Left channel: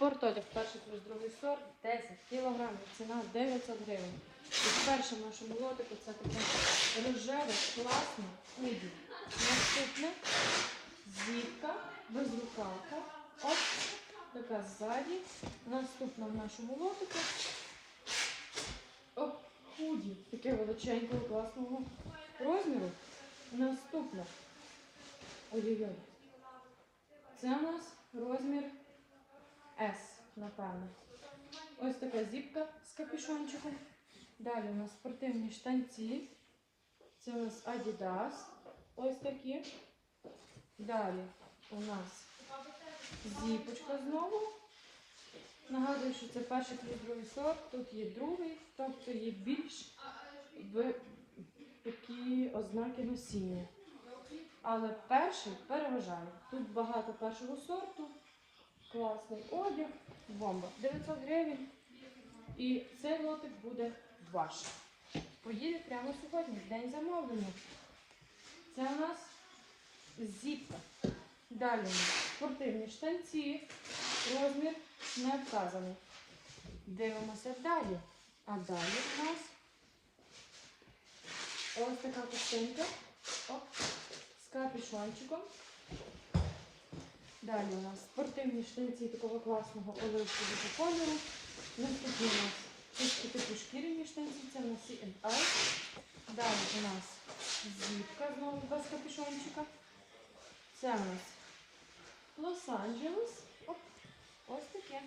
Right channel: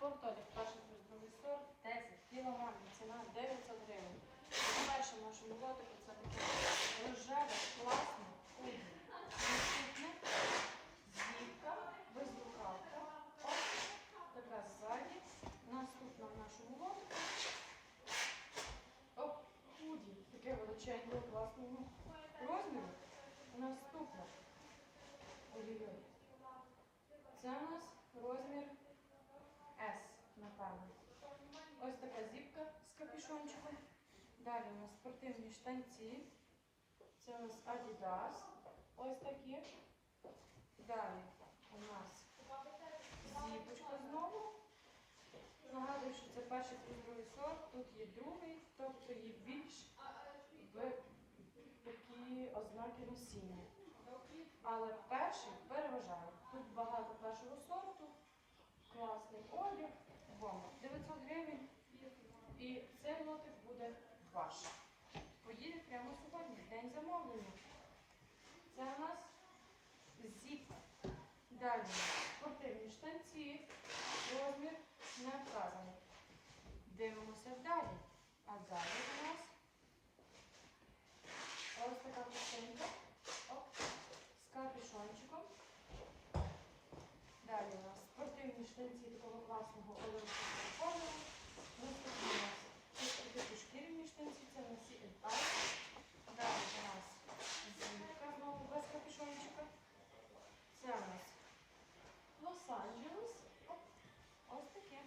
Спортодяг перший плюс другий сорт 10 кілограмів, ціна 900 гривень. І в нашому лотику це таке рожеве, класне худі. Наступне зіпка, безрукавка. От така ззаді. Наступна в нашому лотику. О, худі. Таке величенького, класного розміру. Наступне. Ой-ой-ой. Це у нас розмір напевно. Ось така зіпка з капюшончиком. Далі у нас спортивні штанці. Це у нас Adidas. Ось такі. Далі у нас зіпочка знову. Нагадую, що це перший плюс другий сорт. Тут є другий, тобто є більш в такі ознаки носіння. Але перший переважає. Тут багато першого сорту. Класний одяг. Бомба. 900 гривень. І цей лотик буде ваш. Поїде прямо сьогодні, день замовлення. Це у нас зіпка. Далі спортивні штанці. Розмір не вказаний. Дивимося далі. А далі у нас ось така костинка. Оп, з капюшончиком. Далі у нас спортивні штанці такого класного оливкового кольору. Наступні у нас трішки типу шкіряні штанці, це у нас C&I. Далі у нас зіпка знову без капюшончика. Це у нас Лос-Анджелес. Ось таке.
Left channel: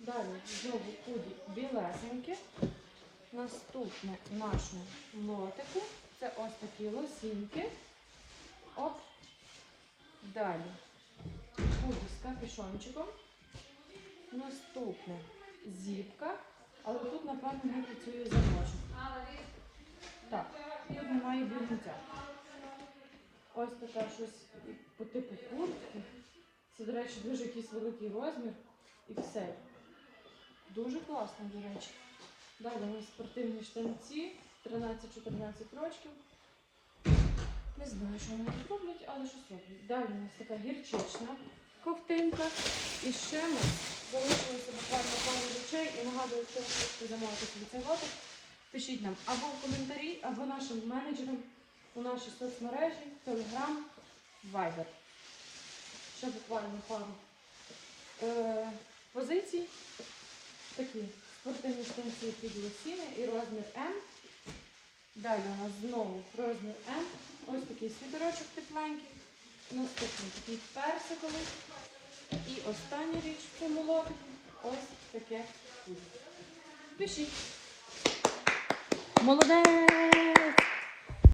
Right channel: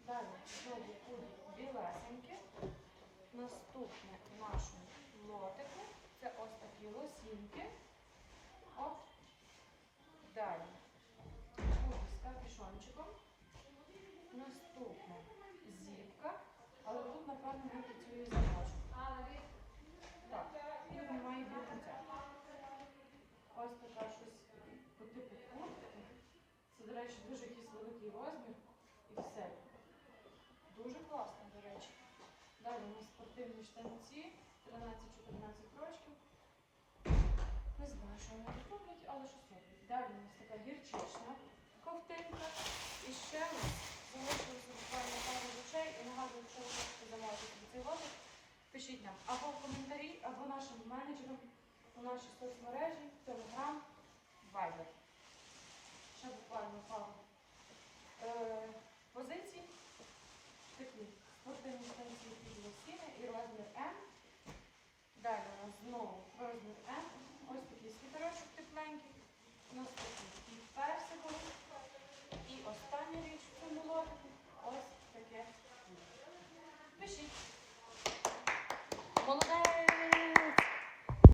Далі знову худі білесеньке. Наступне в нашому лотику. Це ось такі лосінки. Оп. Далі капюшончиком. Наступне зіпка. Але тут, напевно, не працює замочок. Так, тут немає бігуття. Ось така щось по типу куртки. Це, до речі, дуже якийсь великий розмір. І все. Дуже класно, до речі. Далі у нас спортивні штанці, 13-14 років. Не знаю, що вони тут роблять, але щось роблять. Далі у нас така гірчична ковтинка. І ще ми залишилося буквально пару речей. І нагадую, якщо ви замовити собі цей лотик, пишіть нам або в коментарі, або нашим менеджерам у нашій соцмережі, Telegram, Viber. Ще буквально пару е, позицій. Такі спортивні штанці під лосіни і розмір М. Далі у нас знову розмір М. Ось такий світерочок тепленький. Наступний такий персиковий. І остання річ це молотик. ось таке. Пишіть. Молодець!